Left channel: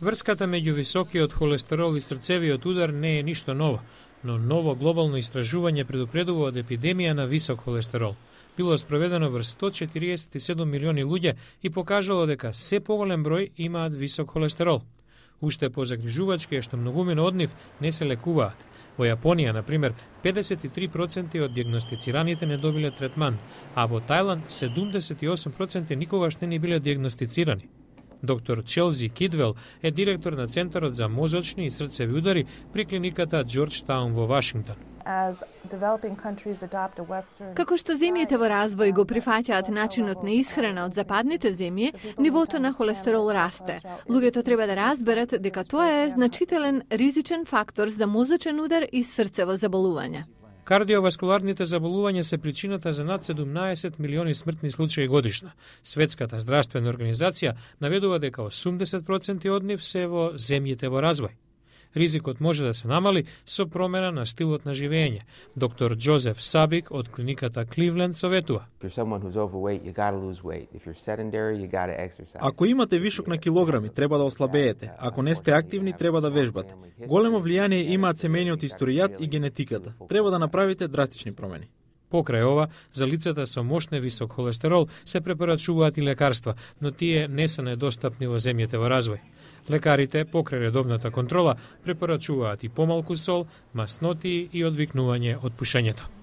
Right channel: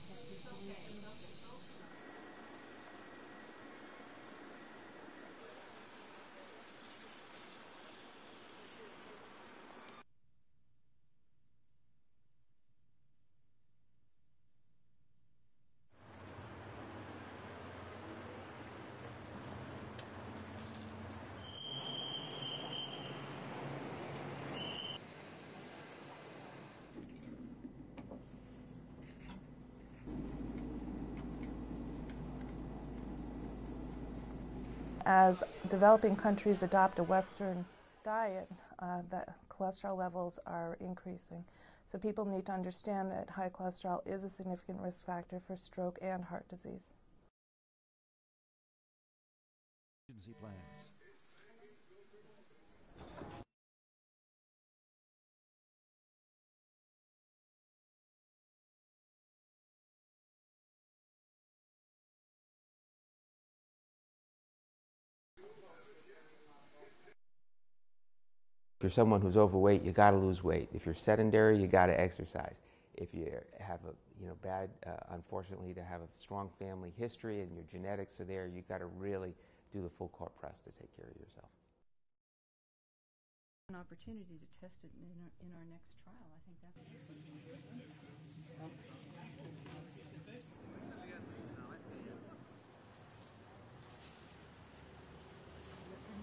Врската меѓу високиот холестерол и срцевиот удар не е ништо ново, но ново глобално истражување предупредува од епидемија на висок холестерол. Било спроведено врз 147 милиони луѓе и покажало дека се поголем број имаат висок холестерол. Уште позагрижувачки е што многумина од нив не се лекуваат. Во Јапонија, например, 53% од дијагностицираните не добиле третман, а во Тајланд 78% никогаш не биле дијагностицирани. Доктор Челзи Кидвел е директор на Центарот за мозочни и срцеви удари при клиниката Џорџтаун во Вашингтон. Како што земјите во развој го прифаќаат начинот на исхрана од западните земји, нивото на холестерол расте. Луѓето треба да разберат дека тоа е значителен ризичен фактор за мозочен удар и срцево заболување. Кардиоваскуларните заболувања се причината за над 17 милиони смртни случаи годишно. Светската здравствена организација наведува дека 80% од нив се во земјите во развој. Ризикот може да се намали со промена на стилот на живење. Доктор Џозеф Сабик од клиниката Кливленд советува. Ако имате вишок на килограми, треба да ослабеете. Ако не сте активни, треба да вежбате. Големо влијание имаат семејниот историјат и генетиката. Треба да направите драстични промени. Покрај ова, за лицата со мощне висок холестерол се препорачуваат и лекарства, но тие не се недостапни во земјите во развој. Лекарите, покрај редовната контрола, препорачуваат и помалку сол, маснотии и одвикнување од пушењето.